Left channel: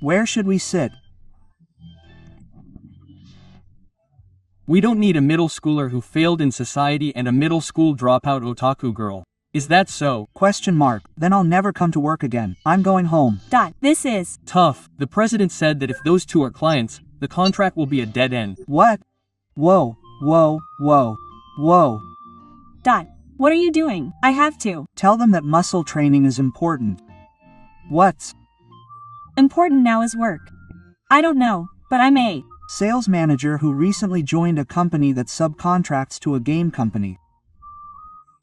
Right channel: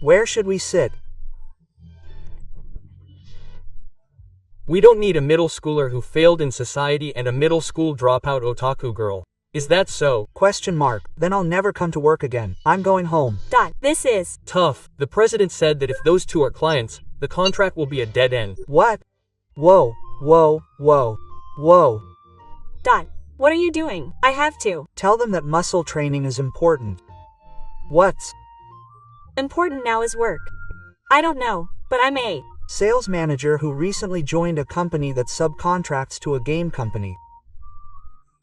Where should we sit? We don't need a middle schooler who failed in society and a middle school dropout otaku girl. Is that so? Question mark. Then I'll never come to work again. I'm going home. This is Tough. The president said that if those two are clients, the contract will be a dead end. What? Whoa, whoa, whoa, whoa. What are you doing? I have to. Tell them that muscle training is important. What's Important now is work. I don't know, but I'm a sales manager who recently joined a company that subcontracts to a game company.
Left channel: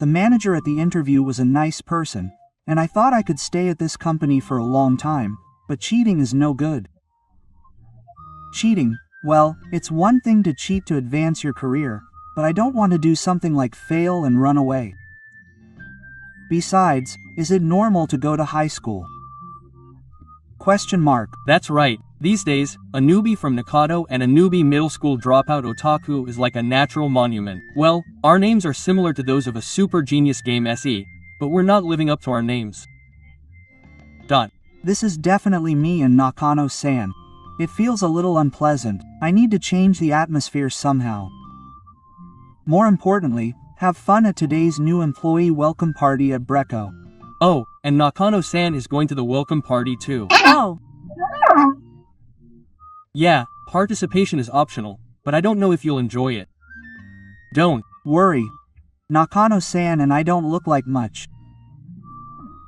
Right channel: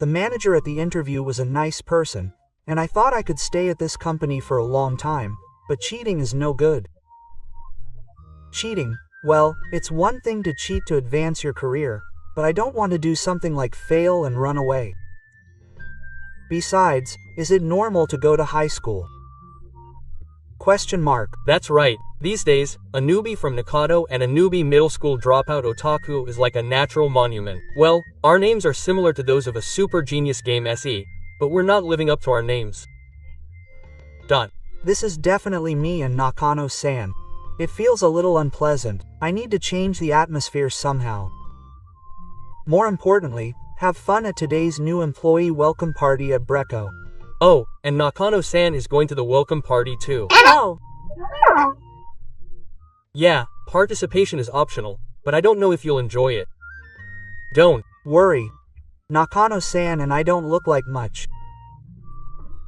The manager at the interview was a nice person, and I thought I could stay at this company for a long time, but cheating is no good. Cheating, well, it's one thing to cheat to advance your career, but I don't want to do something like fail and run away. Besides, is it normal to go to high school? Question mark. That's right. These days, a newbie from Nakado and a newbie middle school dropout otaku is like a natural monument. Well, our names are similar to those of a super genius game SE, but we're not living up to our names. This is definitely me and Nakano-san. It feels a little unpleasant. I need to change the atmosphere somehow. More importantly, have fun at today's new employee welcome party at Brecco. Oh, and Nakano-san is going to the welcome party too. Oh. Yeah, participation is optional, but I don't know if you'll enjoy it. Don't worry. Nakano-san and I don't look like much.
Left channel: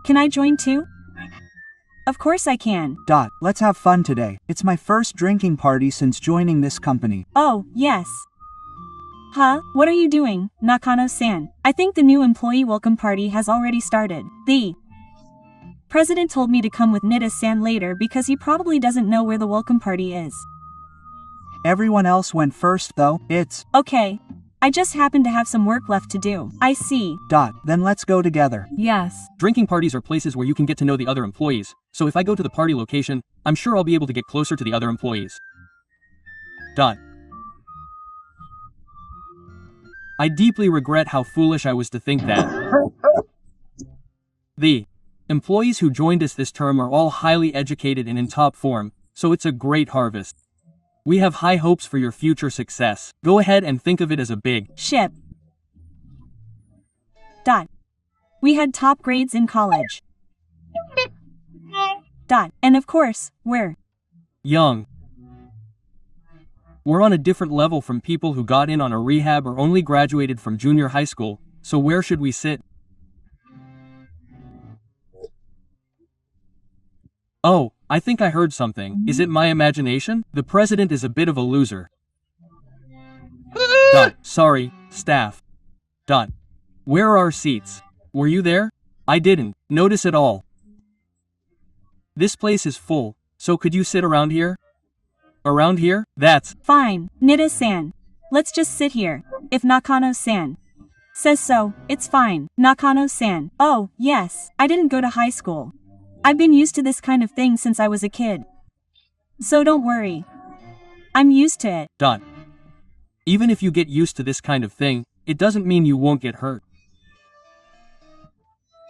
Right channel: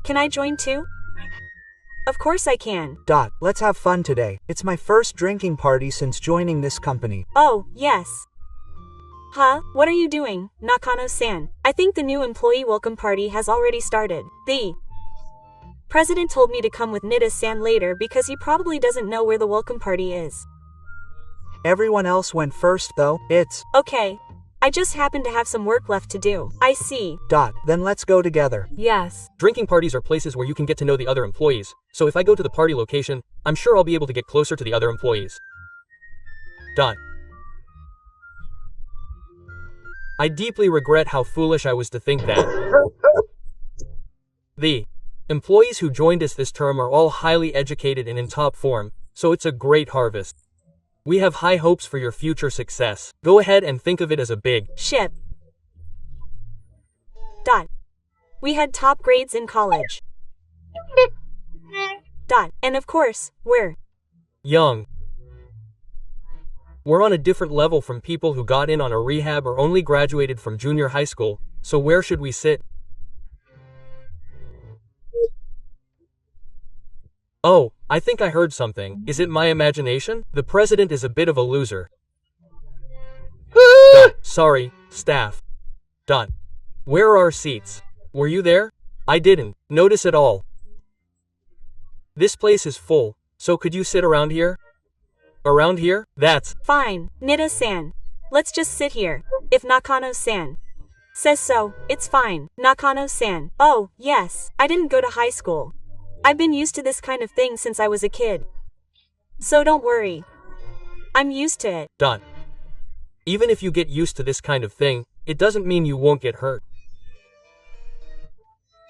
Can I join too? Of course I can. Let's have fun today. It's my first drinking party since joining this company. Oh, yes. Huh? What are you doing, Nakano-san? I think the new employee welcome party has already started. The president told me to come with Nida-san later because he probably doesn't know where the welcome party is. Everyone else went first though. It's okay. I just happen to have some work left to do. I see. Then let's go together. Yes. Drinking parties are places where you can get to know the other employees, so if I go to the party location, I'm sure I'll be able to get closer to the other employees. I deeply regret how foolish I was to think that. The employees who joined us this term are all highly educated and in top form, so it's a great harvest. We have high hopes for your future success. Go ahead and think of it as a big ship. We had top grades in college. And of course, we're young. We're on a different level from people who got in on a rehab or only graduated from junior high school, so where should we sit? Oh, I think I heard something. Is it my imagination? The president is a bit of a loser. Sorry, staff. Where are our seats? Were you there? I didn't notice at all. This place is full, so could you sit around here? Around here? That's fine, Nida-san. Let's just sit here. If Nakano-san says so, it's fine. Nakano-san. Oh, yes. I didn't go to high school. I've been used to this kind of thing since I was a kid. So don't worry. I'm used to it. Even if you get used to this kind of thing, it doesn't mean you won't get hurt.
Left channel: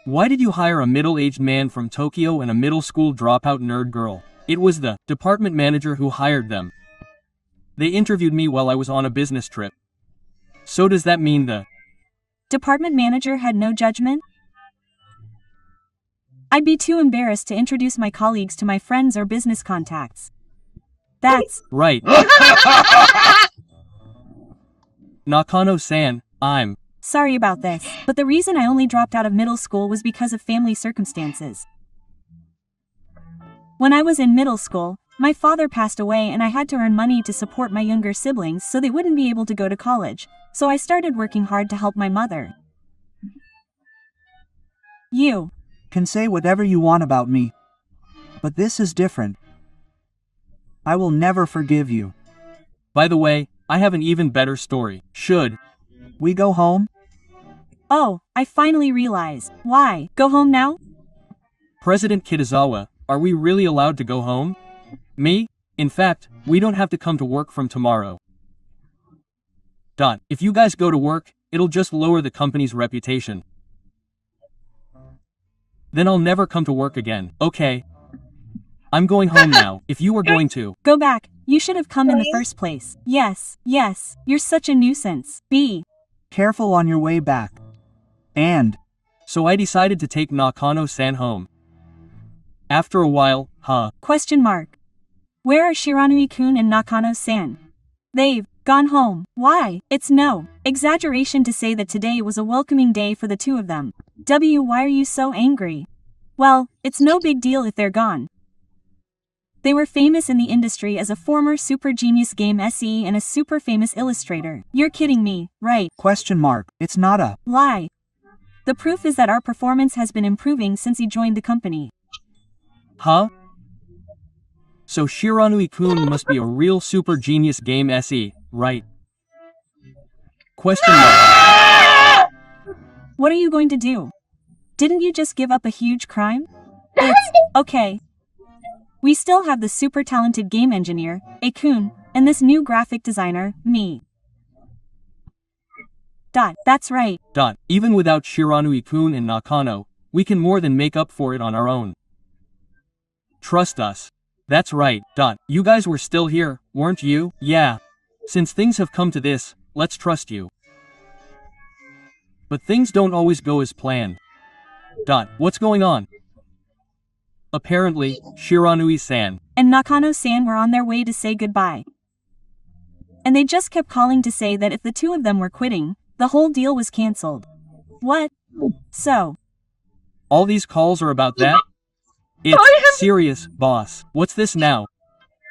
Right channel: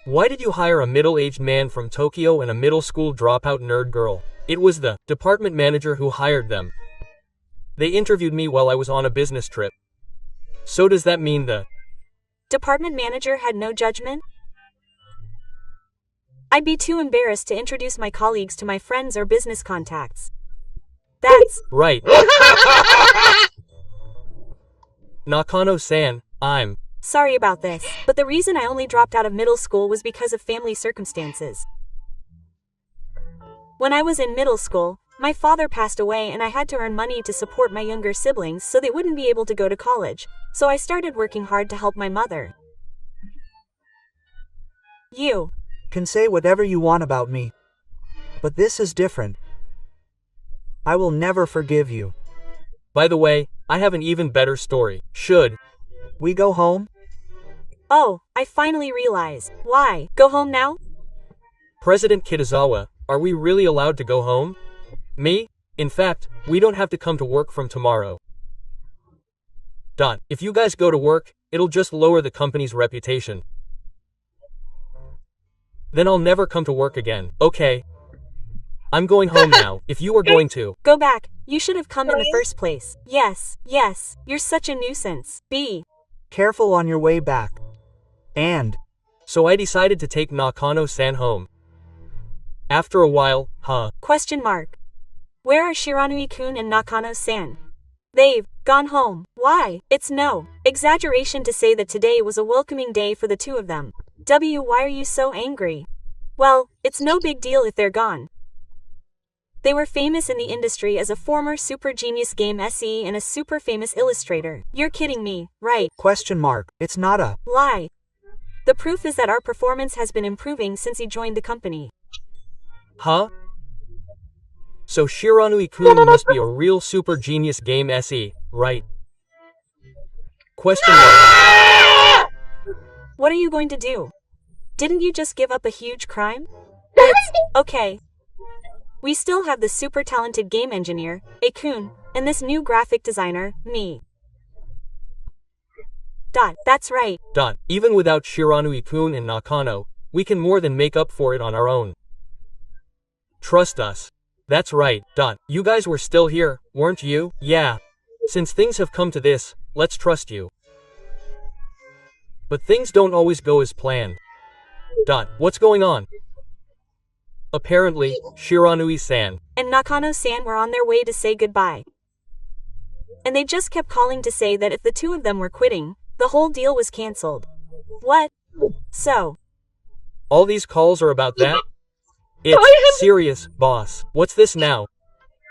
Why did you hire a middle-aged man from Tokyo and a middle school dropout nerd girl? It was the department manager who hired them. They interviewed me while I was on a business trip. So does that mean the department manager had no judgment? I'd be too embarrassed to introduce my colleagues to my friends or business contacts. That's right. Nakano-san, I'm sorry about this, but the reason I only dropped out of middle school was because of family circumstances. When I was in middle school, my father passed away and I had to earn money to support my younger siblings so they wouldn't be able to go to college, so I started working hard to help my mother. You can say whatever you want about me, but this is different. I will never forgive you. By the way, I have an even better story. Should we go home? Oh, I finally realize. Why? Go home now? President Kitazawa, are we really allowed to go home? Me? In fact, we don't have to come to work from tomorrow. If you guys go to work, it'll just lower the company's reputation. Then I'll never come to work again, okay? I'm going home now, if you were going to. Go back, you should have come in the first place. Yes, you're such a nuisance. B. Careful on your way back. And So I decided to take Nakano-san home. After a while, Question mark. Where are Shiranui-kun and Nakano-san? They've gone home. Why? It's no exaggeration to say that today was a welcoming day for the two of them. Why are you so angry? Well, it's no big deal if they're gone. They were famous in the industry as a former super genius game SE and a super famous illustrator. You're kidding me, right? question mark. It's not a Lie. The proof is that our performance has been improving since he joined the company. So Shiranui-kun must be a real super genius game SE, right? Question mark. What are you going to do? Didn't you just give up a huge crime? It's okay. We still have the super talented game engineer, A-kun, and this new graphic designer, me. That's right. Even without Shiranui-kun and Nakano, we can more than make up for it on our own. Trust us. That's right. You guys were still here, weren't you? Yeah. Since things have come to this, let's trust you. But things don't always go as planned. What's going on? Apparently, Shiranui-san and Nakano-san were on their way to say goodbye. And they just kept calling to say that if the two of them were quitting, the whole deal was cancelled. What? So? All these calls are about that? It's serious, boss. What's this now?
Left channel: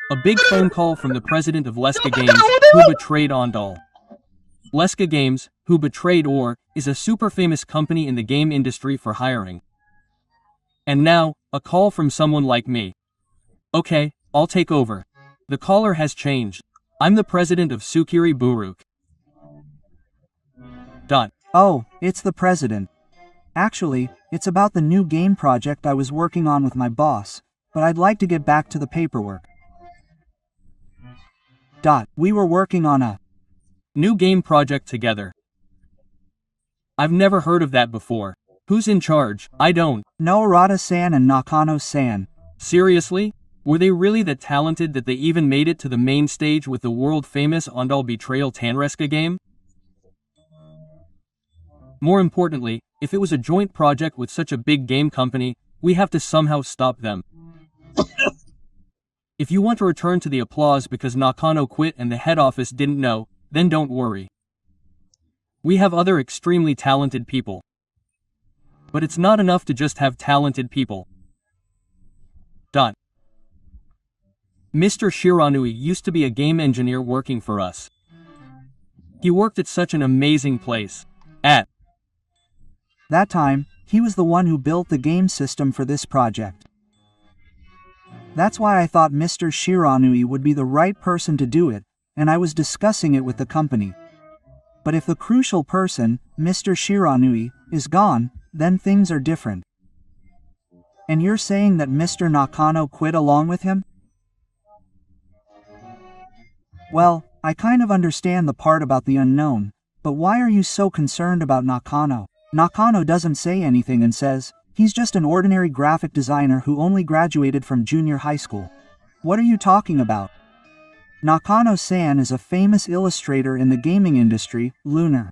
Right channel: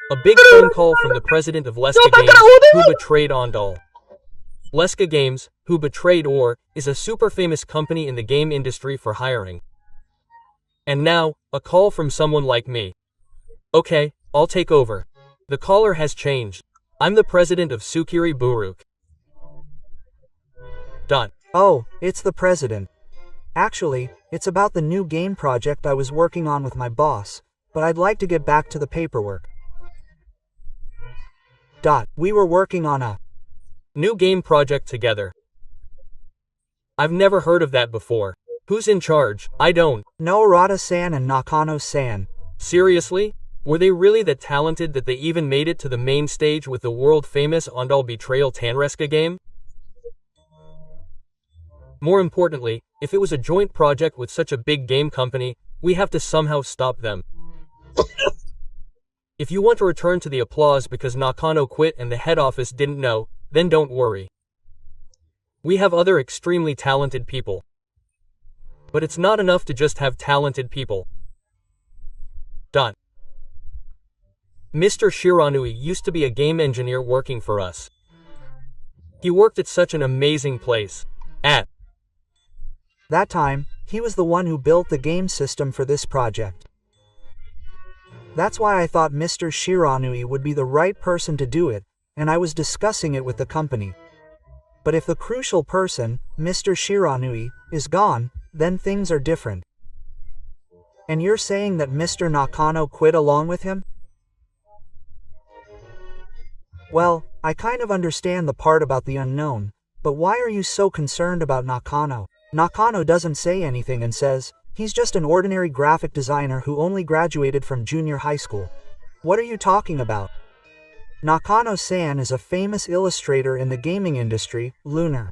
A big phone call from the president of Leska Games, who betrayed Ondal. Leska Games, who betrayed Or, is a super famous company in the game industry for hiring. And now, a call from someone like me. Okay, I'll take over. The caller has changed. I'm the president of Sukiri Buruk. Oh, it's the president. Actually, it's about the new game project I was working on with my boss, but I'd like to get back to the paperwork. We were working on a new game project together. I've never heard of that before. Who's in charge? I don't. No, Arata-san and Nakano-san. Seriously? Were they really that talented that they even made it to the main stage with the world-famous Ondal Betrayal Tanreska game? More importantly, if it was a joint project with such a big game company, we have to somehow stop them. If you want to return to the applause because Nakano quit and the head office didn't know, then don't worry. We have other extremely talented people. But it's not enough to just have talented people. Mr. Shiranui used to be a game engineer working for us. He worked at such an amazing place. At that time, he was the one who built the game system for this project. That's why I thought Mr. Shiranui would be the right person to do it, and I was discussing it with the company. But if the crucial person, Mr. Shiranui, is gone, then things are different. And you're saying that Mr. Nakano quit along with him? Well, I kind of understand the part about the unknown, but why are you so concerned about Nakano? Nakano doesn't say anything and says, he's just an ordinary graphic designer who only graduated from junior high school. What are you talking about? Nakano-san is a famous illustrator in the gaming industry, Lunar.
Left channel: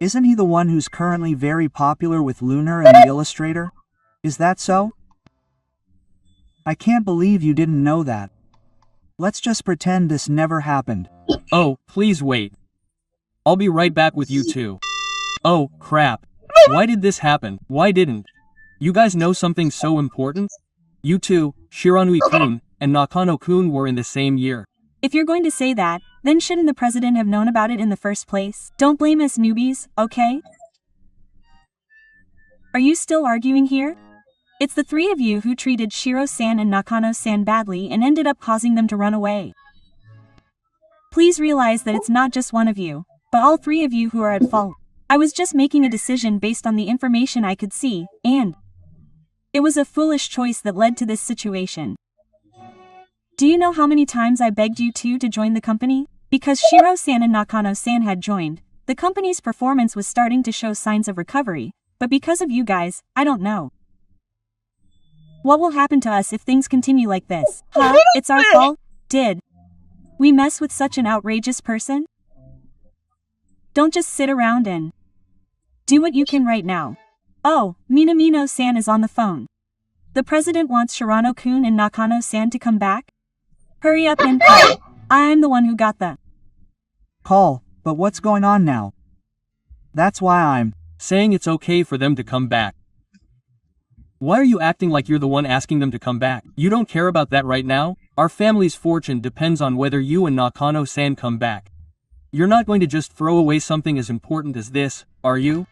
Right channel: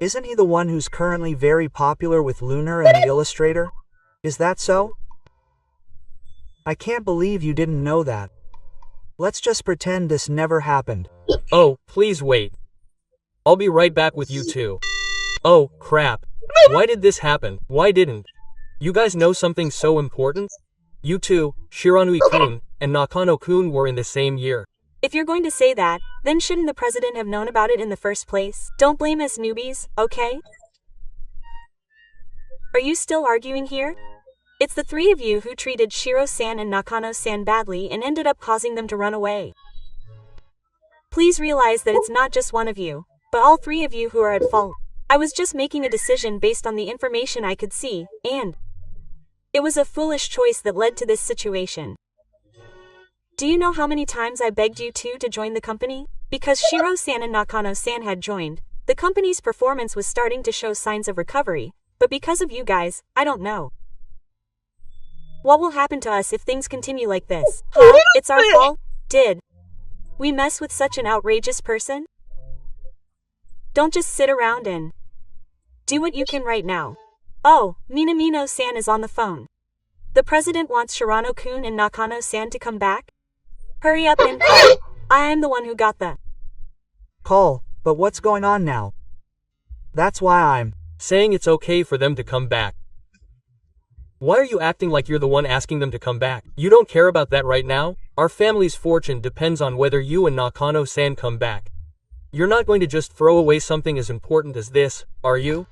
Isn't he the one who's currently very popular with Lunar and the Illustrator? Is that so? I can't believe you didn't know that. Let's just pretend this never happened. Oh, please wait. I'll be right back with you two. Oh, crap. Why did this happen? Why didn't you guys know something so important? You two, Shiranui-kun, and Nakano-kun were in the same year. If you're going to say that, then shouldn't the president have known about it in the first place? Don't blame us newbies, okay? Are you still arguing here? It's the three of you who treated Shiro-san and Nakano-san badly and ended up causing them to run away. Please realize that it's not just one of you, but all three of you who are at fault. I was just making a decision based on the information I could see, and it was a foolish choice that led to this situation. Do you know how many times I begged you two to join the company? Because Shiro-san and Nakano-san had joined, the company's performance was starting to show signs of recovery, but because of you guys, I don't know. What will happen to us if things continue like this? Huh? It's our fault? Did we mess with such an outrageous person? Don't just sit around and do what you can right now. Oh, Minamino-san is on the phone. The president wants Shirano-kun and Nakano-san to come back? Hurry up and call. I'm the one who got the call, but what's going on now? That's why I'm saying it's okay for them to come back. Why are you acting like you're the one asking them to come back? You don't care about that right now? Our family's fortune depends on whether you and Nakano-san come back. You're not going to just throw away something as important as this, are you?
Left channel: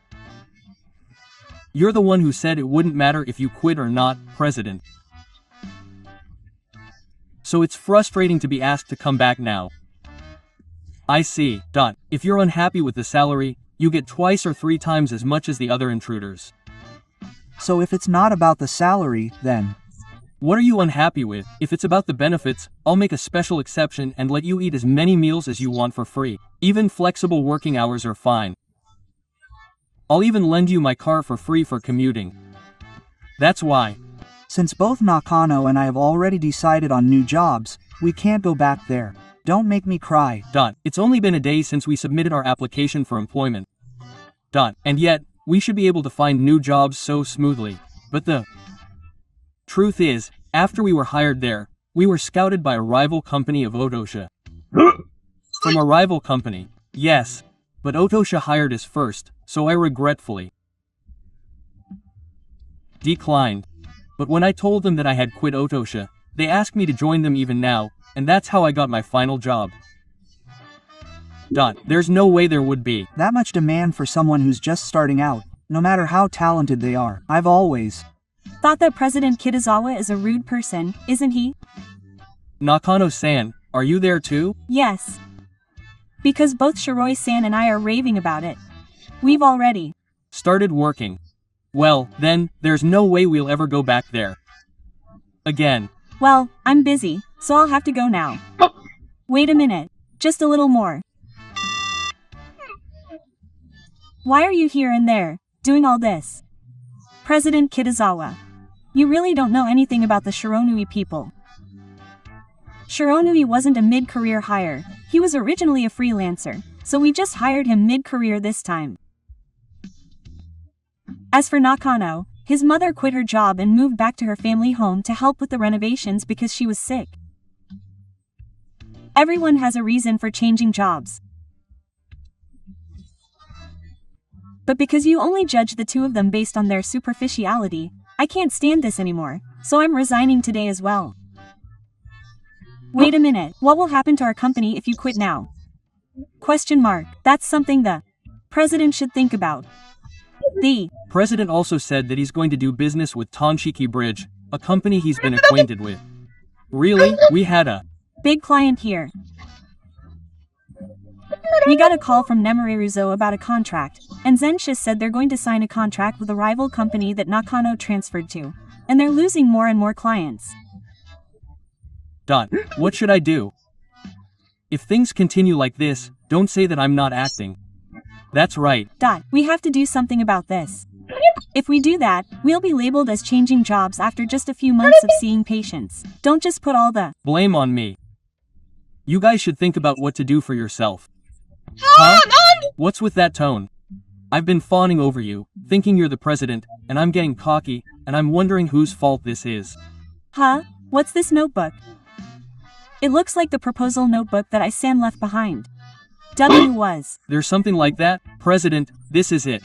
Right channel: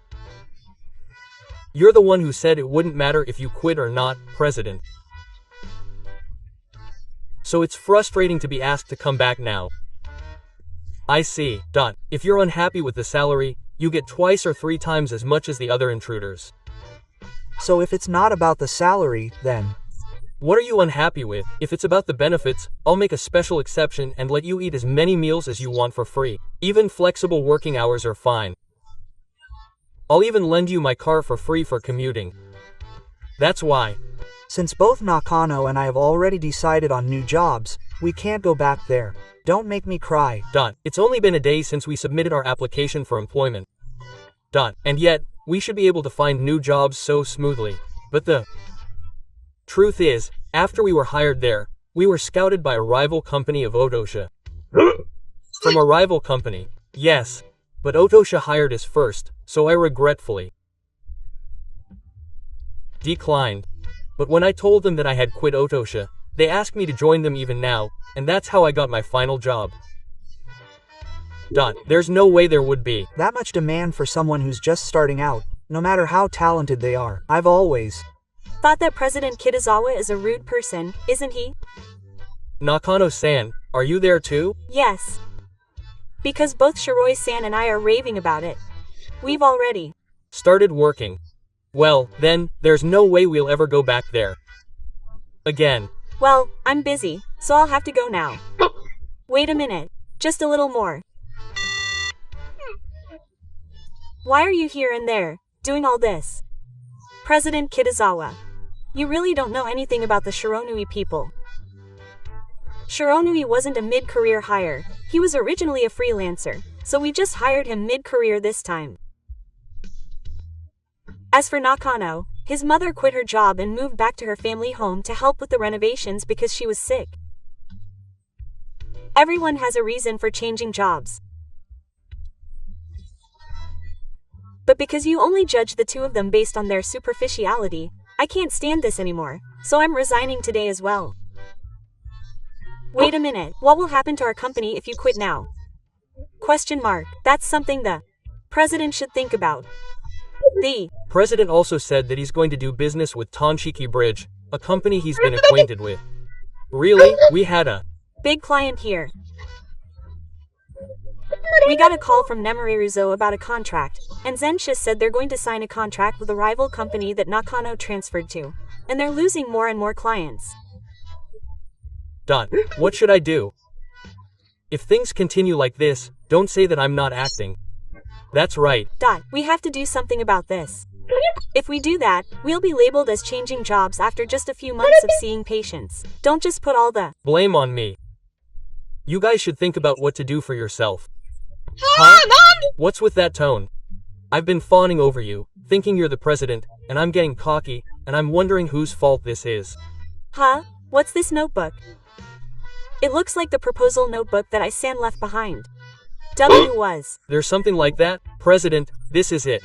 You're the one who said it wouldn't matter if you quit or not, President. So it's frustrating to be asked to come back now. I see. If you're unhappy with the salary, you get twice or 3 times as much as the other intruders. So if it's not about the salary, then what are you unhappy with? If it's about the benefits, I'll make a special exception and let you eat as many meals as you want for free. Even flexible working hours are fine. I'll even lend you my car for free for commuting. That's why. Since both Nakano and I have already decided on new jobs, we can't go back there. Don't make me cry. It's only been a day since we submitted our application for employment. And yet, we should be able to find new jobs so smoothly. But the truth is, after we were hired there, we were scouted by a rival company of Otosha. From a rival company, yes. But Otosha hired us first, so I regretfully declined. But when I told them that I had quit Otosha, they asked me to join them even now, and that's how I got my final job. There's no way there would be that much demand for someone who's just starting out, no matter how talented they are. I've always thought that President Kitazawa is a rude person, isn't he? Nakano-san, are you there too? Yes. Because both Shiroi-san and I are raving about it. We've already started working. Well, then, there's no way we'll ever go back there again. Well, I'm busy, so I'll have to go now. Wait a minute. Just a little more. Why are you here and there, doing all this? President Kitazawa. You really don't know anything about the Shironui people. Shironui wasn't a mid-career hire. He was originally a freelancer, so we just hired him mid-career this time. As for Nakano, his mother quit her job and moved back to her family home to help with the renovations because she was sick. Everyone has a reason for changing jobs. But because you only judge the two of them based on their superficiality, I can't stand this anymore, so I'm resigning today as well. Wait a minute, what will happen to our company if you quit now? Question mark. That's something the president should think about. The president also said that he's going to do business with Tonchiki Bridge, a company he's been acquainted with. Really? We had a big client here. We got a call from Nemareruzo about a contract, and Zensha said they're going to sign a contract with a rival company that Nakano transferred to, and they're losing more and more clients. What should I do? If things continue like this, don't say that I'm not acting. That's right. We have to do something about this. If we do that, we'll be labeled as changing jobs after just a few months of seeing patients. Don't just put all the blame on me. You guys should think about what to do for yourself. Huh? What's with that tone? I've been fawning over you, thinking you're the president, and I'm getting cocky, and I'm wondering whose fault this is. Huh? What's this notebook? It looks like the proposal notebook that I-san left behind. Was. There's something like that? President, this is it.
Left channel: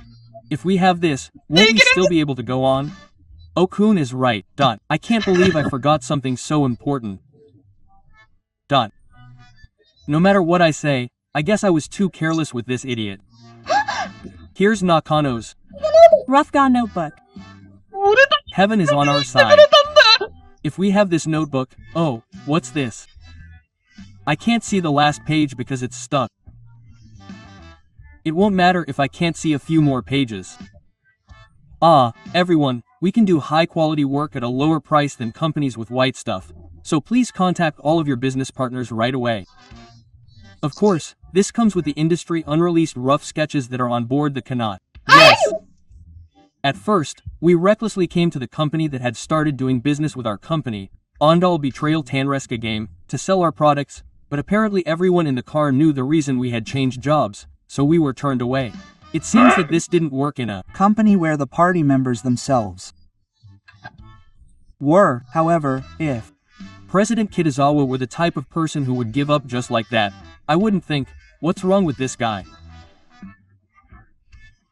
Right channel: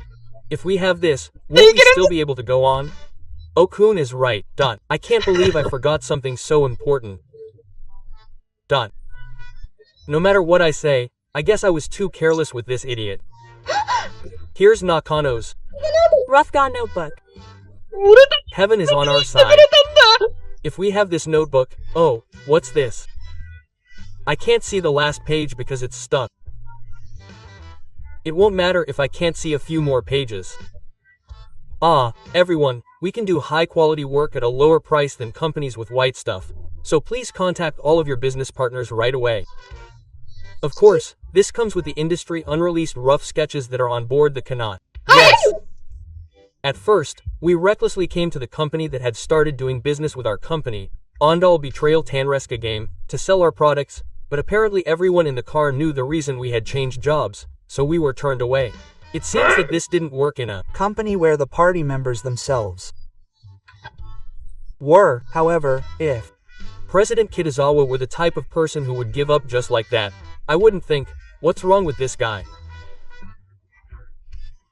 If we have this, won't we still be able to go on? Okun is right. I can't believe I forgot something so important. No matter what I say, I guess I was too careless with this idiot. Here's Nakano's Rough-ga notebook. Heaven is on our side. If we have this notebook, oh, what's this? I can't see the last page because it's stuck. It won't matter if I can't see a few more pages. Everyone, we can do high-quality work at a lower price than companies with white stuff, so please contact all of your business partners right away. Of course, this comes with the industry unreleased rough sketches that are on board the cannot. Yes! At first, we recklessly came to the company that had started doing business with our company, Ondal Betrayal Tanreska game, to sell our products, but apparently everyone in the car knew the reason we had changed jobs, so we were turned away. It seems that this didn't work in a company where the party members themselves were, however, if President Kitazawa were the type of person who would give up just like that, I wouldn't think, what's wrong with this guy?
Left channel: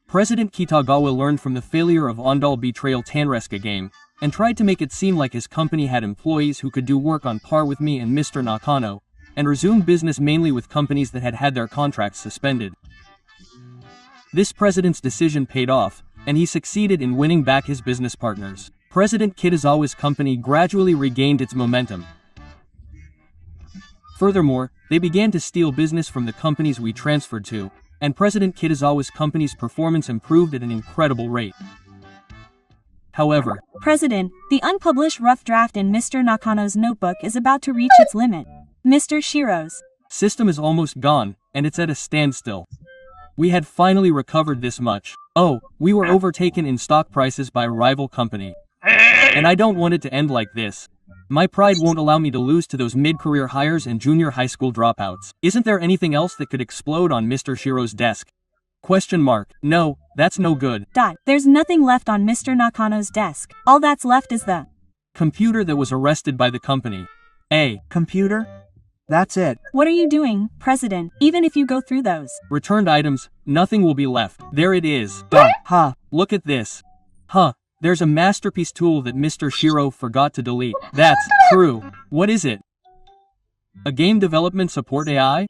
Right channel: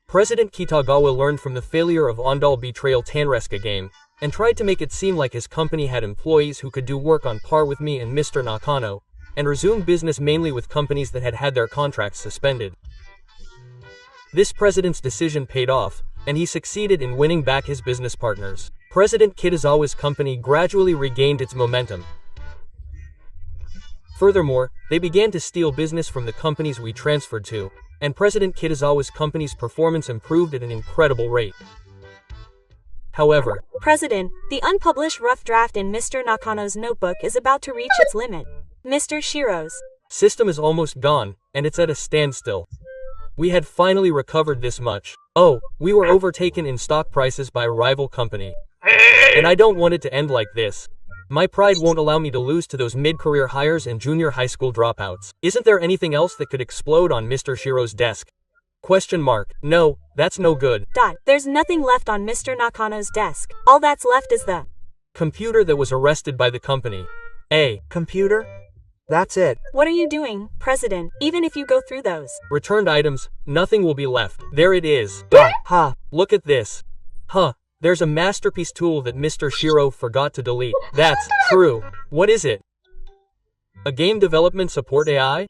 President Kitagawa learned from the failure of Ondal Betrayal Tanreska game, and tried to make it seem like his company had employees who could do work on par with me and Mr. Nakano, and resume business mainly with companies that had had their contracts suspended. This president's decision paid off, and he succeeded in winning back his business partners. President Kitazawa's company gradually regained its momentum. Furthermore, they began to steal business from the companies we transferred to, and President Kitazawa's company's performance improved at an incredible rate. However, President, the unpublished rough draft in Mr. Nakano's notebook is about to reach its limit. Mr. Shiro's system is almost gone, and it's at a standstill. We had finally recovered this much. Oh, we were overtaken in stock prices by a rival company. And I don't want it to end like this. My pride won't allow me to lose to those mid-career hires and junior high school dropouts. Isn't there anything else that could explode on Mr. Shiro's desk? Question mark. No, that's no good. There's nothing left on Mr. Nakano's desk. All that's left is the computer that was arrested by the company. A computer? That's it. What are you doing, President? Even if you go through those returned items, nothing will be left. There it is. Huh. Look at this. Huh. There's a masterpiece tool that Mr. Shiro forgot to delete. That's true. What is it? A game development support AI?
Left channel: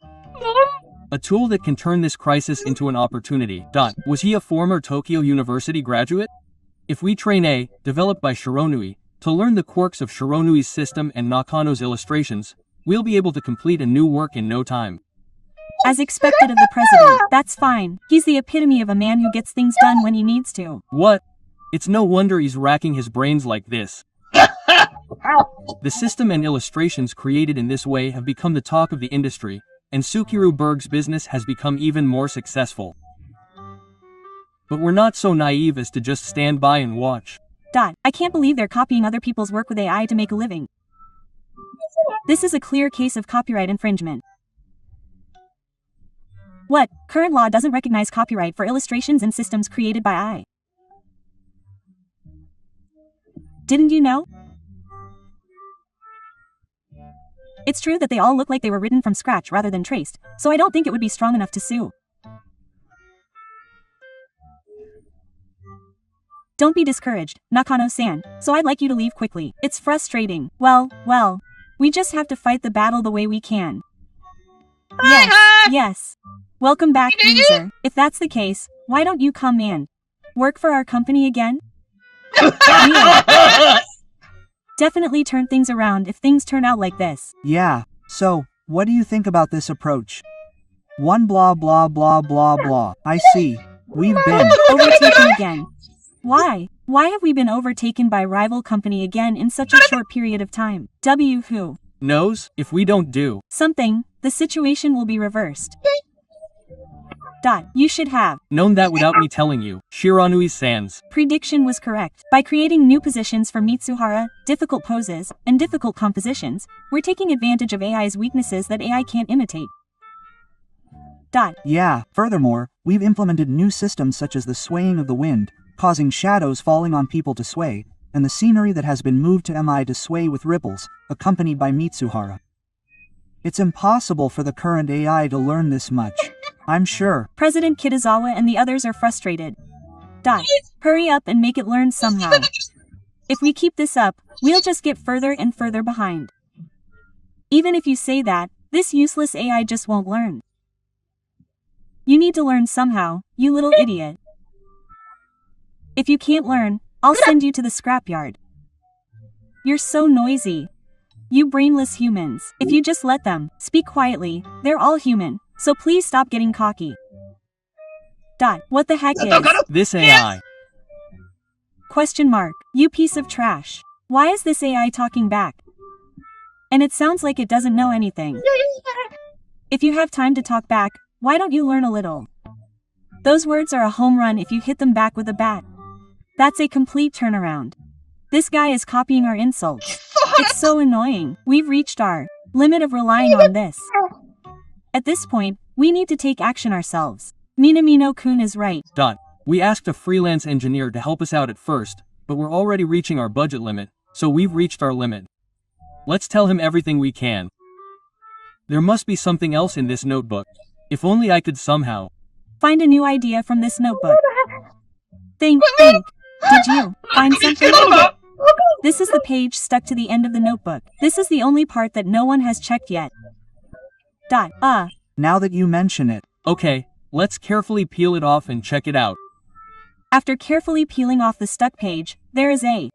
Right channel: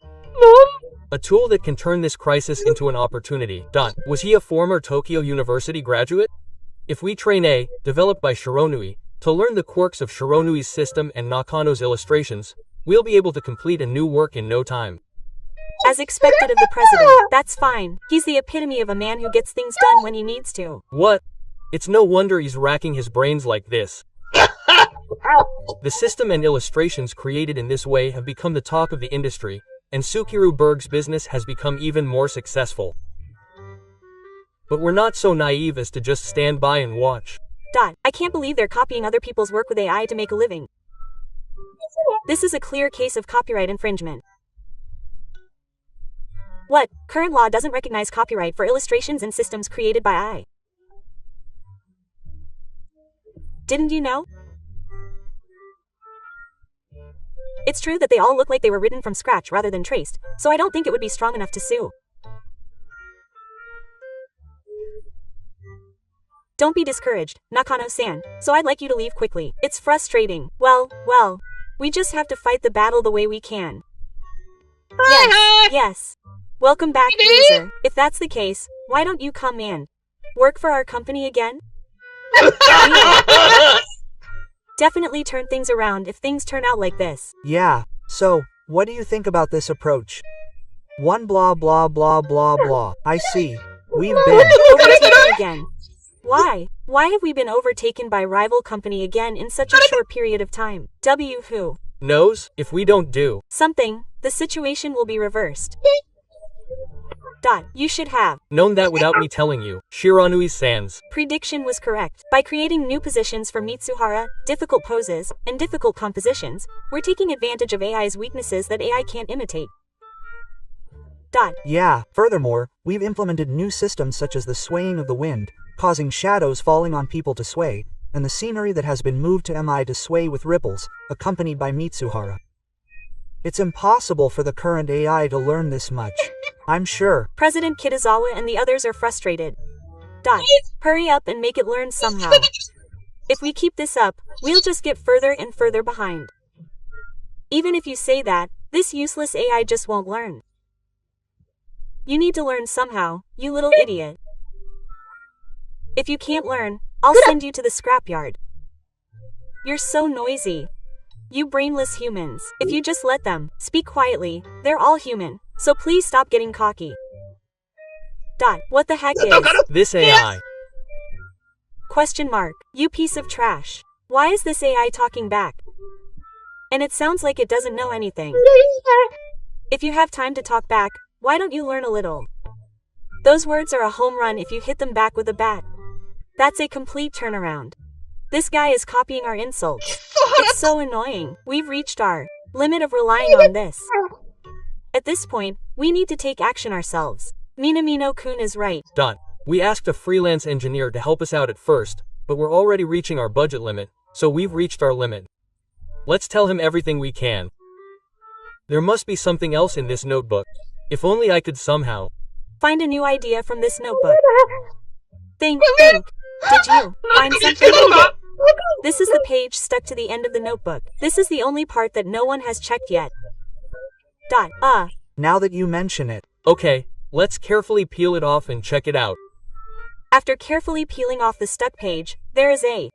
A tool that can turn this crisis into an opportunity. Was he a former Tokyo University graduate? If we train A, developed by Shironui, to learn the quirks of Shironui's system and Nakano's illustrations, we'll be able to complete a new work in no time. As expected of the president, that's fine. He's the epitome of a man who gets things done when he needs to. What? It's no wonder he's racking his brains like this. The system and illustrations created in this way have become the talk of the industry, and Sukiru Berg's business has become even more successful. But we're not so naive as to just stand by and watch. I can't believe they're copying other people's work with AI to make a living. This is a clear case of copyright infringement. What? Current law doesn't recognize copyright for illustrations and systems created by AI. Didn't you know? It's true that they all look like they were written from scratch rather than traced, so I don't think it would be strong enough to sue. Don't be discouraged, Nakano-san, so I'd like you to leave quickly. It's frustrating. Well, we just have to fight the battle the way we can. Yes. Welcome back, loser. If that's the case, why don't you come and work for our company again? Definitely turn things around if things turn out like this. Yeah, so, what do you think about this approach? One blah blah blah blah blah. I see. We've been overtaken again. Why? Why have we been overtaken by rival company again in such a short period of time? Who knows? If we don't do something, the situation will be reversed. You should have known that without me telling you. Shiranui-san's prediction was correct. By creating new positions for Mitsuhara, difficult poses, and difficult compositions, we're taking advantage of AI's weaknesses that AI can't imitate. Yeah, furthermore, we've implemented new systems such as the swaying of the wind, causing shadows falling on people to sway, and the scenery that has been moved to MI to sway with ripples, accompanied by Mitsuhara. It's impossible for the current AI to learn this much. I'm sure. President Kitazawa and the others are frustrated. Hurry up and make it learn somehow. If we keep this up, we'll just get further and further behind. Even if you say that, this useless AI just won't learn. You need to learn somehow, you little idiot. If you can't learn, I'll send you to the scrapyard. You're so noisy. You brainless humans. If you just let them speak quietly, they're all human, so please stop getting cocky. What the heck is this AI? Question mark. You piece of trash. Why is this AI talking back? And it sounds like it doesn't know anything. If you have time to talk back, why don't you learn a little? Those words are a home run if you hit them back with a bat. That's a complete turnaround. This guy is copying our insults. It's so annoying. We've reached our limit of relying on this. At this point, we need to take action ourselves. Minamino-kun is right. We asked a freelance engineer to help us out at first, but we're already reaching our budget limit, so we've reached our limit. Let's tell him everything we can. There must be something else in this notebook. If only I could somehow find a new idea from this notebook. Think. Did you find something? This is the page stuck to the end of the notebook. This is the only part that no one has checked yet. Now that you mention it. Okay, let's carefully peel it off and check it out. After carefully peeling off the stuck page, there is a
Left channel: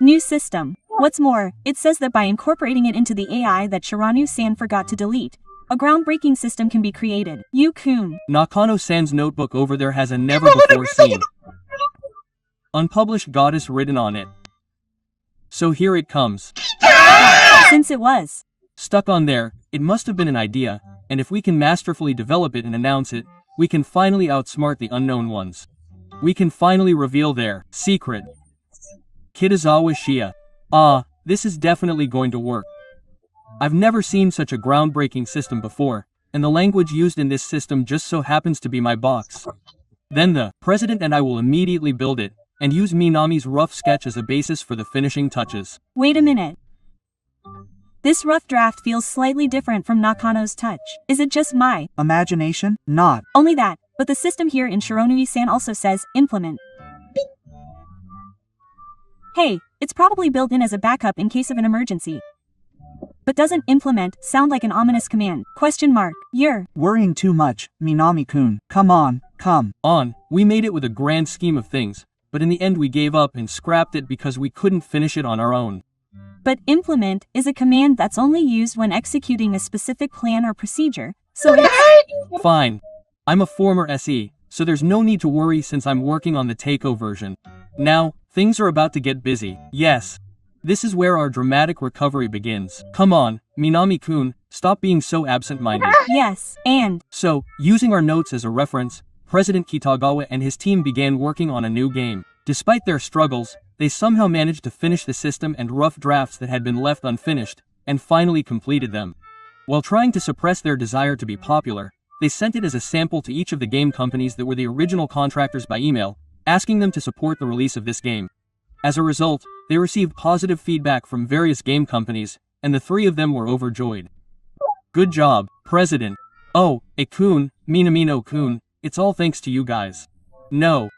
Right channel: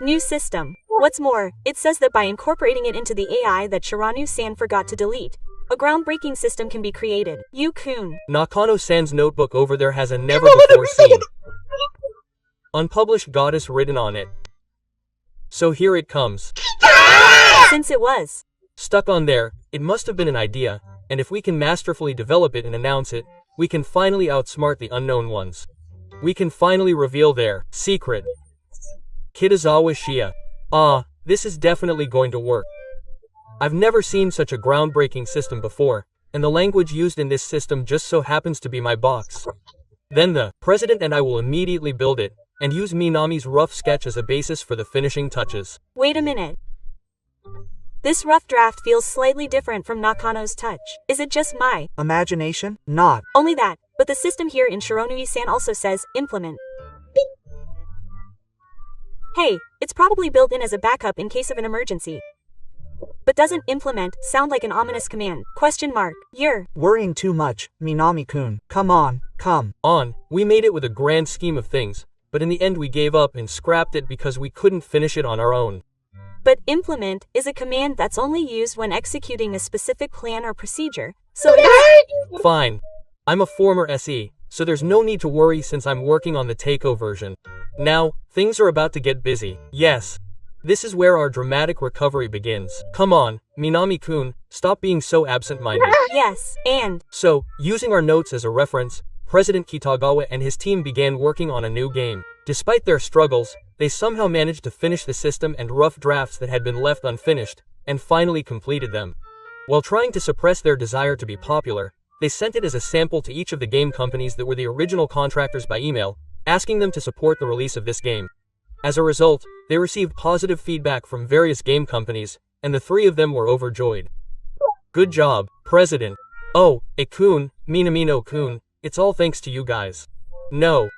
new system. What's more, it says that by incorporating it into the AI that Shiranu-san forgot to delete, a groundbreaking system can be created. Yu-kun. Nakano-san's notebook over there has a never-before-seen unpublished goddess written on it. So here it comes. Since it was stuck on there, it must have been an idea, and if we can masterfully develop it and announce it, we can finally outsmart the unknown ones. We can finally reveal their secret. Kitazawa Shia. This is definitely going to work. I've never seen such a groundbreaking system before, and the language used in this system just so happens to be my box. Then the president and I will immediately build it, and use Minami's rough sketch as a basis for the finishing touches. Wait a minute. This rough draft feels slightly different from Nakano's touch. Is it just my imagination? Not only that, but the system here in Shironui-san also says implement. Hey, it's probably built in as a backup in case of an emergency. But doesn't implement sound like an ominous command? You're worrying too much, Minami-kun. Come on. We made it with a grand scheme of things, but in the end we gave up and scrapped it because we couldn't finish it on our own. But implement is a command that's only used when executing a specific plan or procedure, so it's fine. I'm a former SE, so there's no need to worry since I'm working on the Takeo version. Now, things are about to get busy. Yes. This is where our dramatic recovery begins. Come on, Minami-kun, stop being so absent-minded. Yes, and so, using our notes as a reference, President Kitagawa and his team began working on a new game. Despite their struggles, they somehow managed to finish the system and rough drafts that had been left unfinished, and finally completed them. While trying to suppress their desire to be popular, they sent it as a sample to each of the game companies that were the original contractors by email, asking them to support the release of this game. As a result, they received positive feedback from various game companies, and the three of them were overjoyed. Good job, President. Oh, Kun, Minamino-kun, it's all thanks to you guys. No.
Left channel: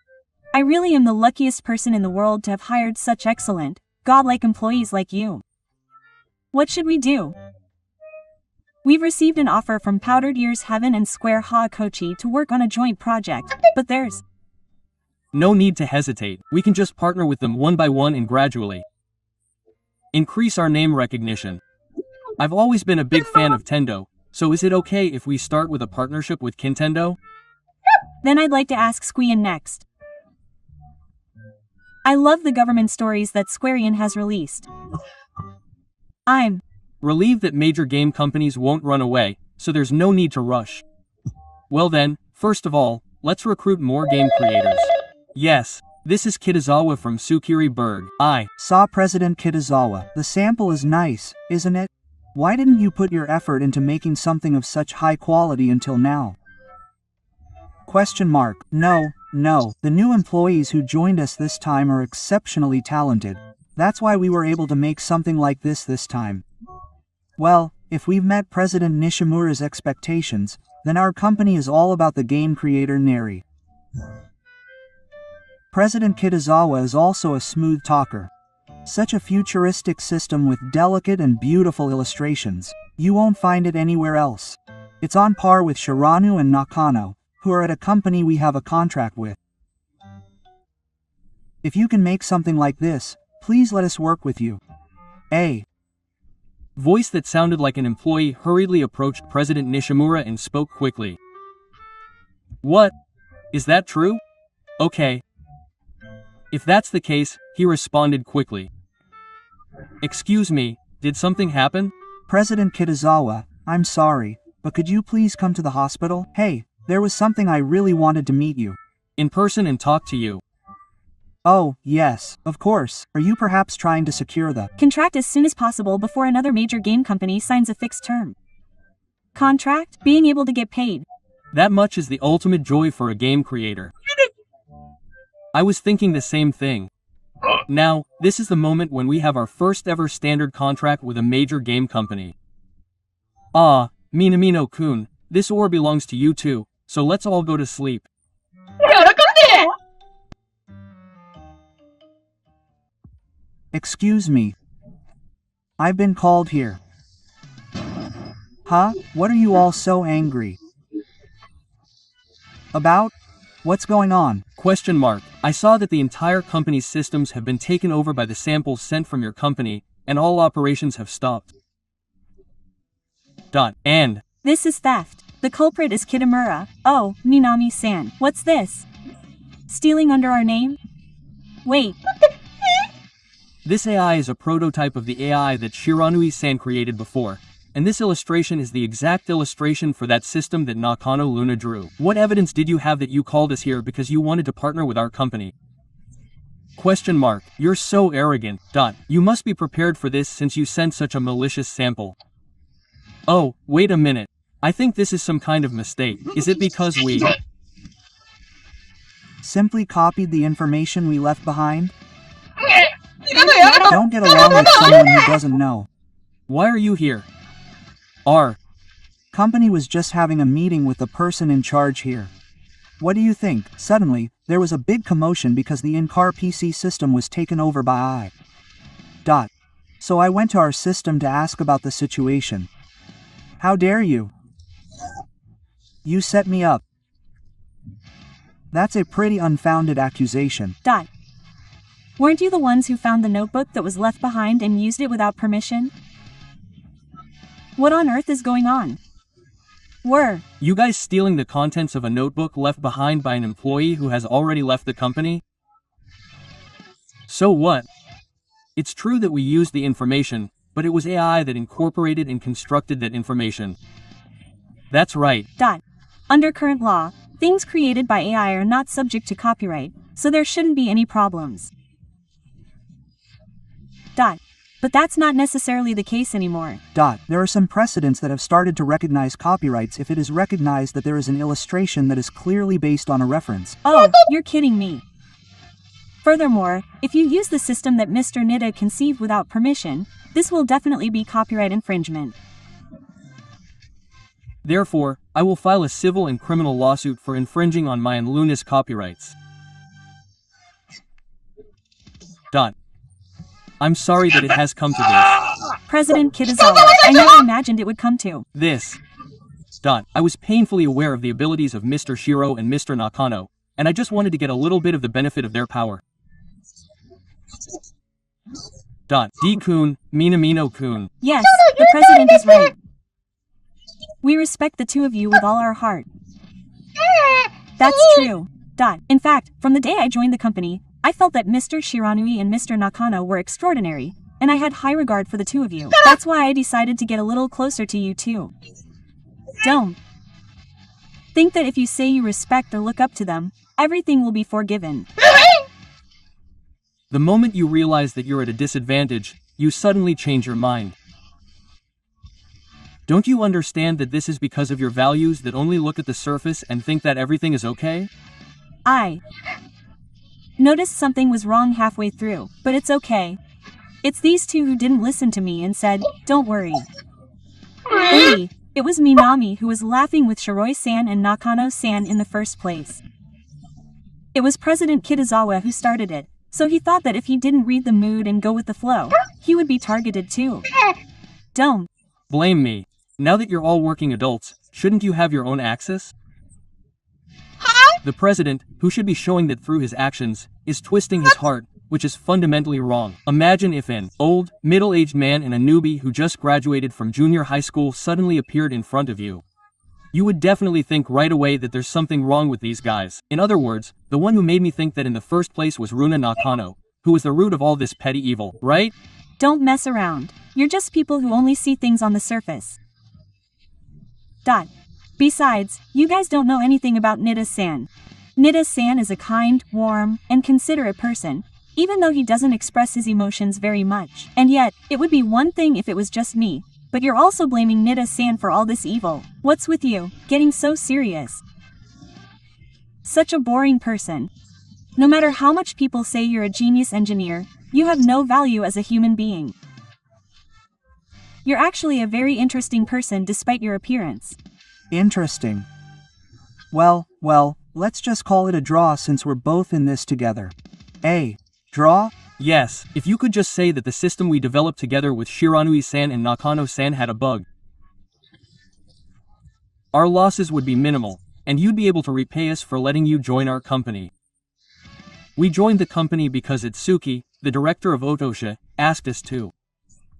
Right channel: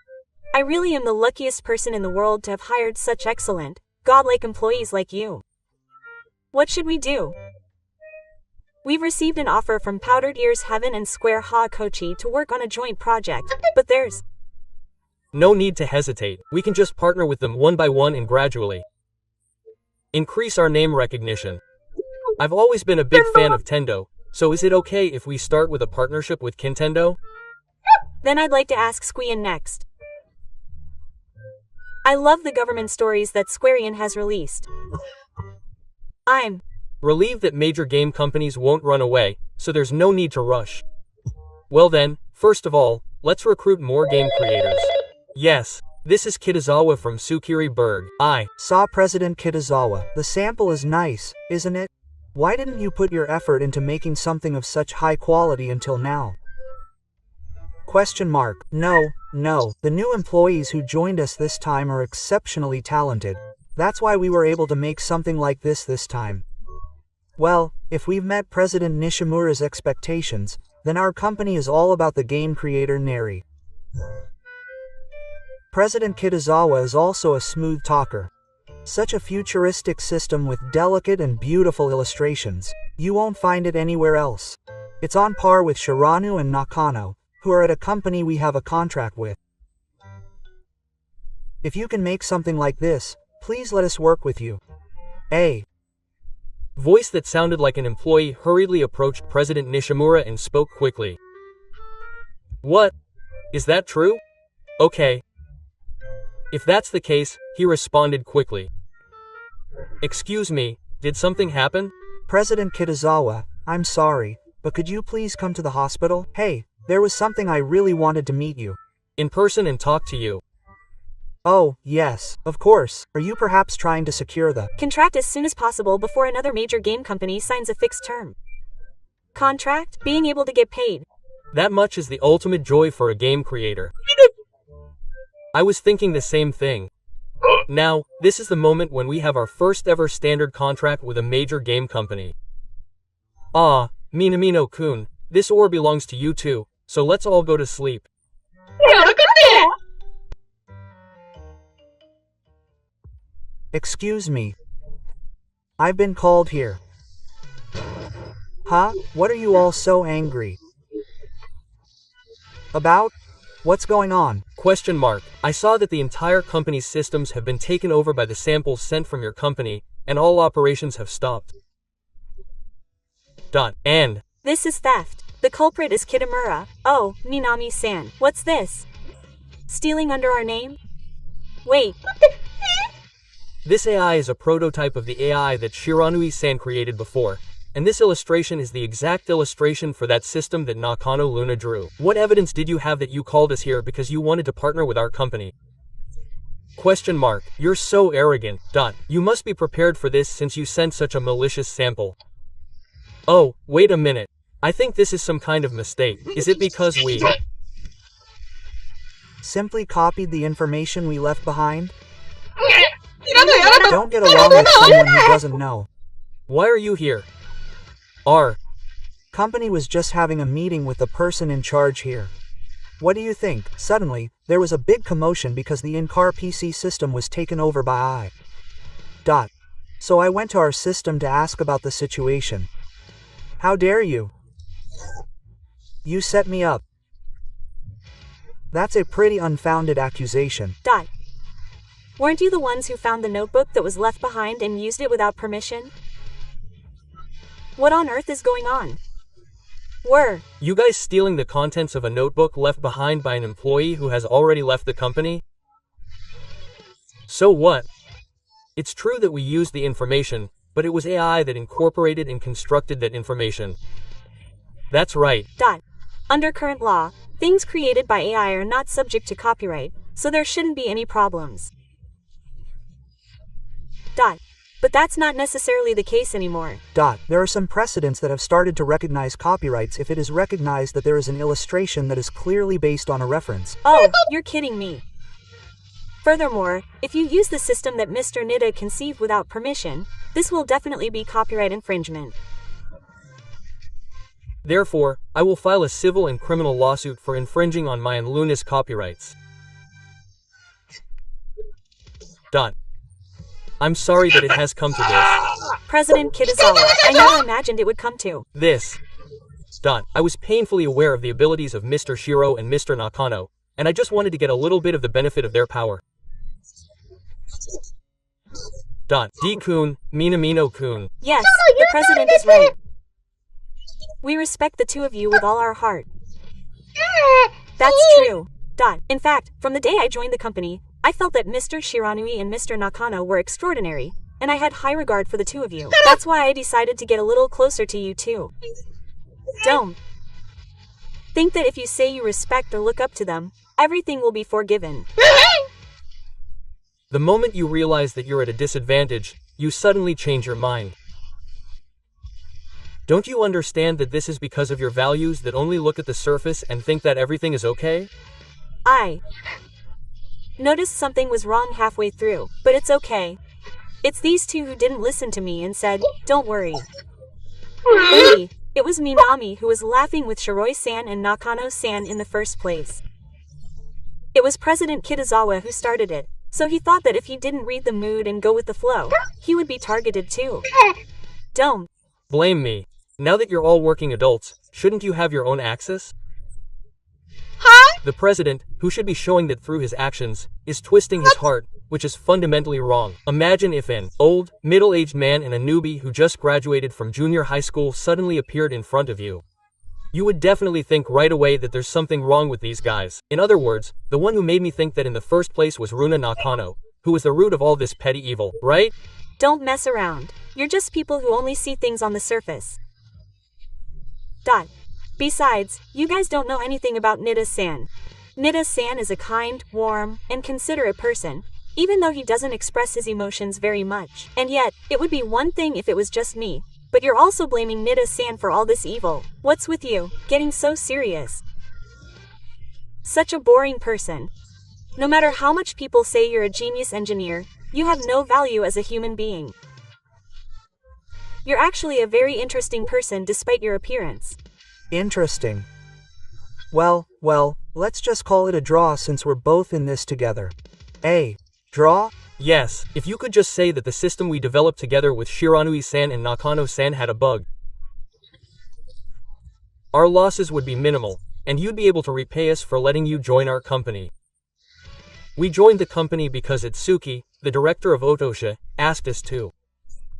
I really am the luckiest person in the world to have hired such excellent, godlike employees like you. What should we do? We've received an offer from Powdered Ears Heaven and Square Ha-Kochi to work on a joint project, but there's no need to hesitate. We can just partner with them one by one and gradually increase our name recognition. I've always been a big fan of Tendo, so is it okay if we start with a partnership with Kintendo? Then I'd like to ask Squeon next. I love the government stories that Squarian has released. I'm relieved that major game companies won't run away, so there's no need to rush. Well then, first of all, let's recruit more game creators. Yes, this is Kitazawa from Tsukiri Berg. I saw President Kitazawa. The sample is nice, isn't it? Why didn't you put your effort into making something of such high quality until now? No. The new employees who joined us this time are exceptionally talented. That's why we were able to make something like this time. Well, if we've met President Nishimura's expectations, then our company is all about the game creator Neri. President Kitazawa is also a smooth talker. Such a futuristic system with delicate and beautiful illustrations. You won't find it anywhere else. It's on par with Shiranu and Nakano, who are at a company we have a contract with. If you can make something like this, please let us work with you. A voice that sounded like an employee hurriedly approached President Nishimura and spoke quickly. What? Is that true? Okay. If that's the case, he responded quickly. Excuse me, did something happen? President Kitazawa, I'm sorry, but could you please come to the hospital? Hey, there was something I really wanted to meet you in person and talk to you. Oh, yes, of course. Are you perhaps trying to secure the contract as soon as possible before another major game company signs a fixed term contract? Being able to get paid. That much is the ultimate joy for a game creator. I was thinking the same thing. Now, this is the moment when we have our first ever standard contract with a major game company. Ah, Minamino-kun, this ore belongs to you too, so let's all go to sleep. Excuse me. I've been called here. Huh? What are you all so angry about? What's going on? Question mark. I saw that the entire company's systems have been taken over by the samples sent from your company, and all operations have stopped. And this is theft. The culprit is Kitamura. Oh, Minami-san. What's this? Stealing under our name? Wait. This AI is a prototype of the AI that Shiranui-san created before, and this illustration is the exact illustration for that system that Nakano Luna drew. What evidence did you have that you called us here because you wanted to partner with our company? Question mark. You're so arrogant. You must be prepared for this since you sent such a malicious sample. Oh, wait a minute. I think this is some kind of mistake. Is it because we simply copied the information we left behind? Don't get along with someone who doesn't know. Why are you here? Our company was just having a meeting with the person in charge here. What do you think? Suddenly, there was a big commotion because the in-car PC system was taken over by I. So I went to our system to ask about the situation. How dare you? You set me up. That's a pretty unfounded accusation. Weren't you the ones who found the notebook that was left behind and used it without permission? What on earth is going on? Were you guys stealing the contents of a notebook left behind by an employee who has already left the company? So what? It's true that we used the information, but it was AI that incorporated and constructed that information. That's right. Under current law, things created by AI are not subject to copyright, so there shouldn't be any problems. But that's not necessarily the case anymore. There are some precedents that have started to recognize copyrights if it is recognized that there is an illustration that is clearly based on a reference. Oh, you're kidding me. Furthermore, if you use the system that Mr. Nida conceived without permission, this will definitely be copyright infringement. Therefore, I will file a civil and criminal lawsuit for infringing on my and Luna's copyrights. I'm sorry that it has come to this. President Kitazawa, I never imagined it would come to this. I was painfully aware of the abilities of Mr. Shiro and Mr. Nakano, and I just wanted to get a little bit of the benefit of their power. D-kun, Minamino-kun. Yes, the president is right. We respect the two of you with all our heart. That's true. In fact, from the day I joined the company, I felt that Mr. Shiranui and Mr. Nakano were extraordinary, and I had high regard for the two of you. That's why I decided to get a little closer to you too. Don't think that if you say you respect or look up to them, everything will be forgiven. The moment you realize that you're at a disadvantage, you suddenly change your mind. Don't you understand that this is because of your values that only look at the surface and think that everything is okay? I noticed something was wrong halfway through, but it's okay. It's these two who didn't listen to me and said, don't worry. It was Minami who was laughing with Shiroi-san and Nakano-san in the first place. It was President Kitazawa who started it, so he thought that if he didn't read the mood and go with the flow, he would be targeted too. Don't blame me. Now that you're all working adults, shouldn't you have your own axis? The president, who should be showing that through his actions, is twisting his heart, which is fundamentally wrong. Imagine if an old, middle-aged man and a newbie who just graduated from junior high school suddenly appeared in front of you. You would definitely think right away that there's something wrong with these guys. In other words, the one who made me think that in the first place was Runa Nakano, who was the root of all this petty evil, right? Don't mess around. You're just people who only see things on the surface. Besides, you guys don't know anything about Nida-san. Nida-san is a kind, warm, and considerate person, even though he doesn't express his emotions very much. And yet, it would be one thing if it was just me. But you're also blaming Nida-san for all this evil. What's with you, getting so serious? Such a boring person. No matter how much people say you're a genius engineer, you have no value as a human being. You're actually a very interesting person despite your appearance. Interesting. Well, let's just call it a draw since we're both in this together. Draw? Yes, if you could just say that the system we developed together with Shiranui-san and Nakano-san had a bug. Our losses would be minimal, and you'd be able to repay us for letting you join our company. We joined the company because Itsuki, the director of Otosha, asked us to.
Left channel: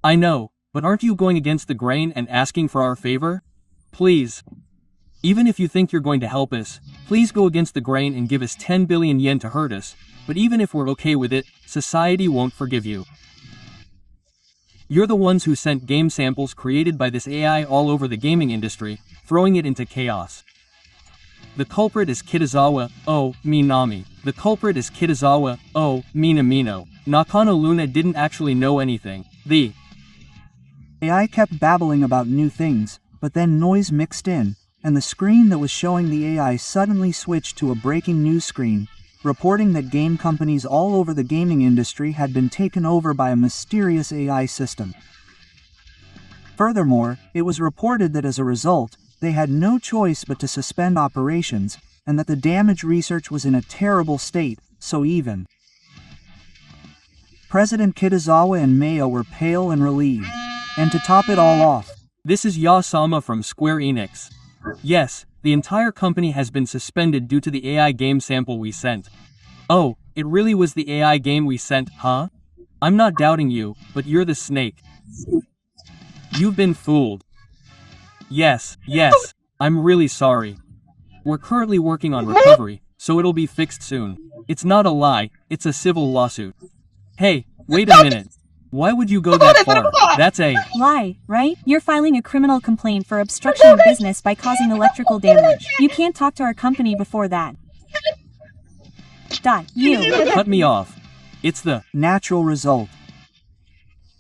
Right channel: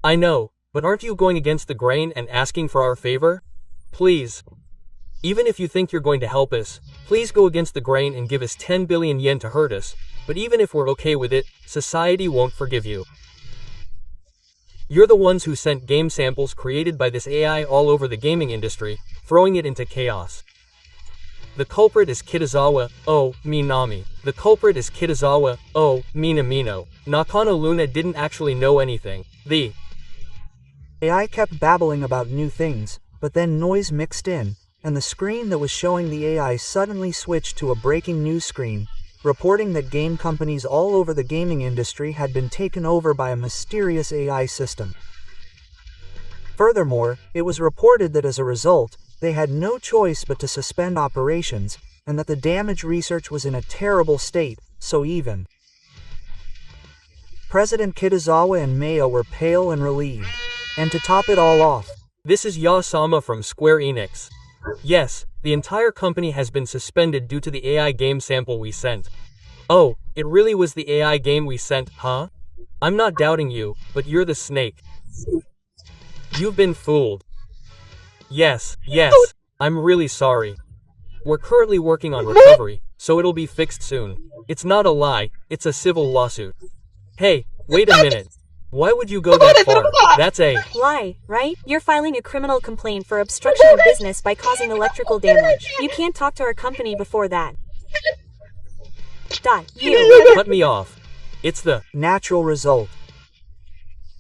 I know, but aren't you going against the grain and asking for our favor? Please. Even if you think you're going to help us, please go against the grain and give us 10 billion yen to hurt us, but even if we're okay with it, society won't forgive you. You're the ones who sent game samples created by this AI all over the gaming industry, throwing it into chaos. The culprit is Kitazawa, Minami. The culprit is Kitazawa, Minamino. Nakano Luna didn't actually know anything. The AI kept babbling about new things, but then noise mixed in, and the screen that was showing the AI suddenly switched to a breaking news screen, reporting that game companies all over the gaming industry had been taken over by a mysterious AI system. Furthermore, it was reported that as a result, they had no choice but to suspend operations, and that the damage research was in a terrible state, so even President Kitazawa and Mayo were pale and relieved. And to top it all off, This is Ya-sama from Square Enix. Yes, the entire company has been suspended due to the AI game sample we sent. Oh, it really was the AI game we sent, huh? I'm not doubting you, but you're the snake. You've been fooled. Yes, I'm really sorry. We're currently working on recovery, so it'll be fixed soon. It's not a lie, it's a civil lawsuit. Hey, wait a minute. Why would you go that far? That's a lie, right? You're filing a criminal complaint for obstruction of business by causing electrical damage. You can't talk to our company before that. You. Cut me off. It's the natural result.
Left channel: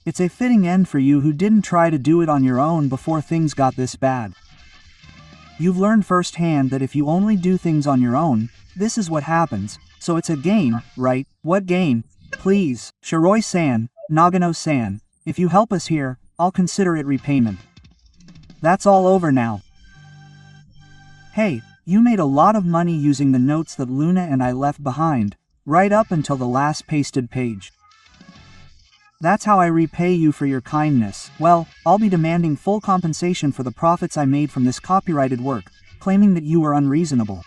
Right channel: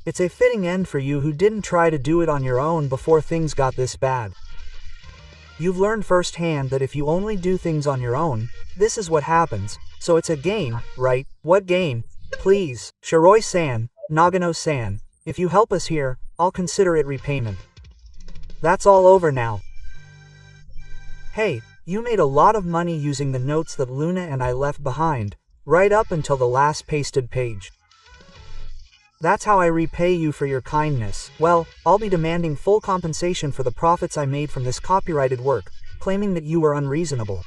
It's a fitting end for you who didn't try to do it on your own before things got this bad. You've learned firsthand that if you only do things on your own, this is what happens. So it's a game, right? What game? Please, Shiroi-san, Nagano-san, if you help us here, I'll consider it repayment. That's all over now. Hey, you made a lot of money using the notes that Luna and I left behind, right up until the last pasted page. That's how I repay you for your kindness. Well, I'll be demanding full compensation for the profits I made from this copyrighted work, claiming that you were unreasonable.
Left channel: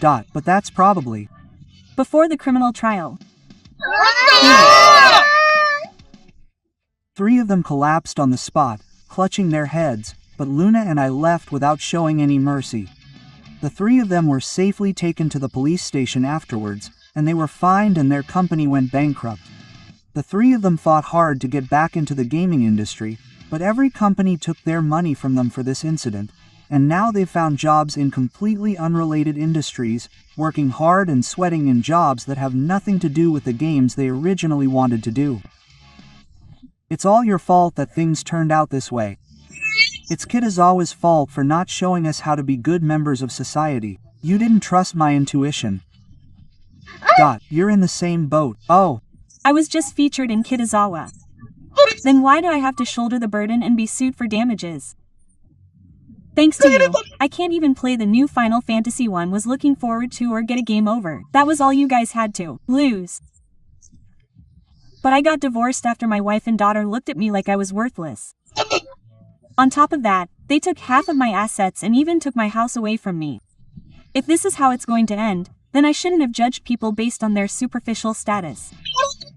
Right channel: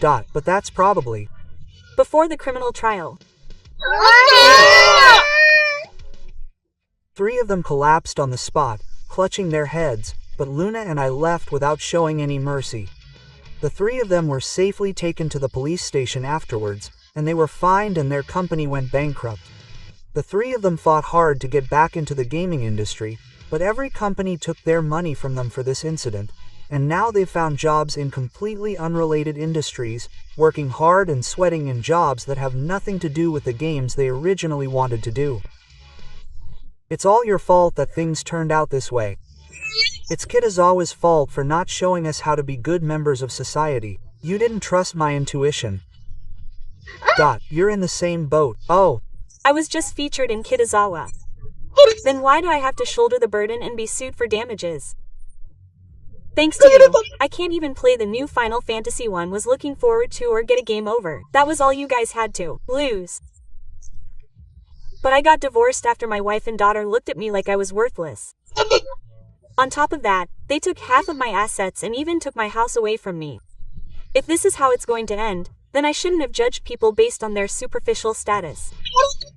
But that's probably Before the criminal trial. Three of them collapsed on the spot, clutching their heads, but Luna and I left without showing any mercy. The three of them were safely taken to the police station afterwards, and they were fined and their company went bankrupt. The three of them fought hard to get back into the gaming industry, but every company took their money from them for this incident, and now they've found jobs in completely unrelated industries, working hard and sweating in jobs that have nothing to do with the games they originally wanted to do. It's all your fault that things turned out this way. It's Kitazawa's fault for not showing us how to be good members of society. You didn't trust my intuition. You're in the same boat. Oh. I was just featured in Kitazawa. Then why do I have to shoulder the burden and be sued for damages? Thanks to you, I can't even play the new Final Fantasy 1 was looking forward to or get a game over. That was all you guys had to lose. But I got divorced after my wife and daughter looked at me like I was worthless. On top of that, they took half of my assets and even took my house away from me. If this is how it's going to end, then I shouldn't have judged people based on their superficial status.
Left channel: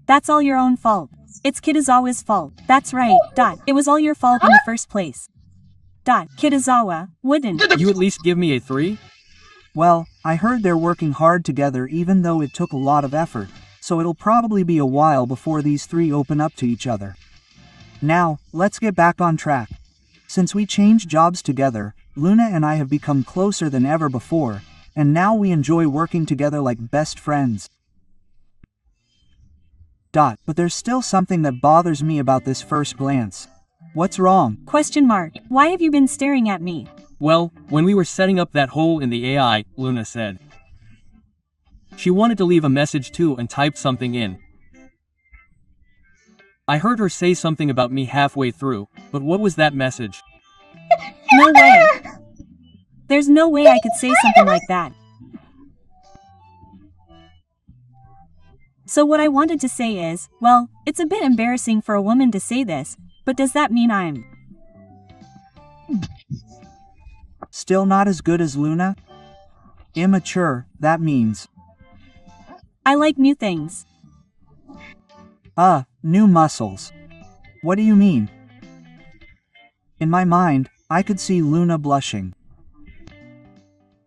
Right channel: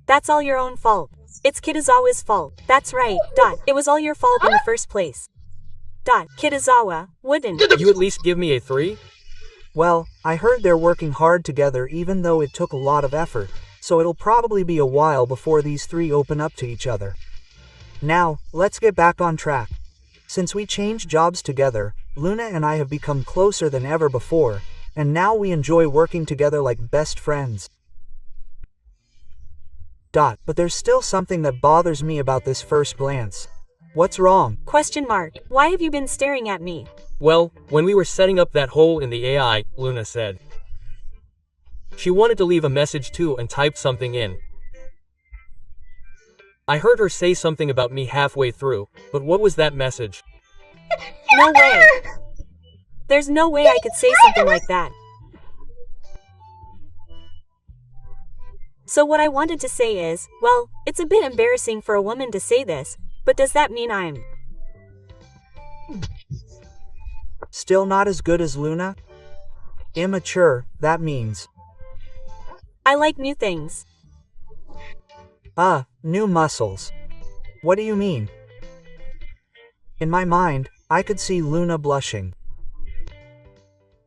That's all your own fault. It's Kitazawa's fault. That's right. It was all your fault in the first place. Kitazawa, wouldn't you at least give me a 3? Well, I heard they're working hard together even though it took a lot of effort, so it'll probably be a while before these three open up to each other. Now, let's get back on track. Since we changed jobs together, Luna and I have become closer than ever before, and now we enjoy working together like best friends. But there's still something that bothers me about this first glance. What's wrong? Question mark. Why have you been staring at me? Well, when we were setting up that hole in the AI, Luna said. She wanted to leave a message too and typed something in. I heard her say something about me halfway through, but what was that message? No way. There's no way I could say something like that. So what I wanted to say is, well, it's a bit embarrassing for a woman to say this, but does that mean I'm still not as good as Luna? Immature, that means. I like new things. New muscles. What do you mean? In my mind, I could see Luna blushing.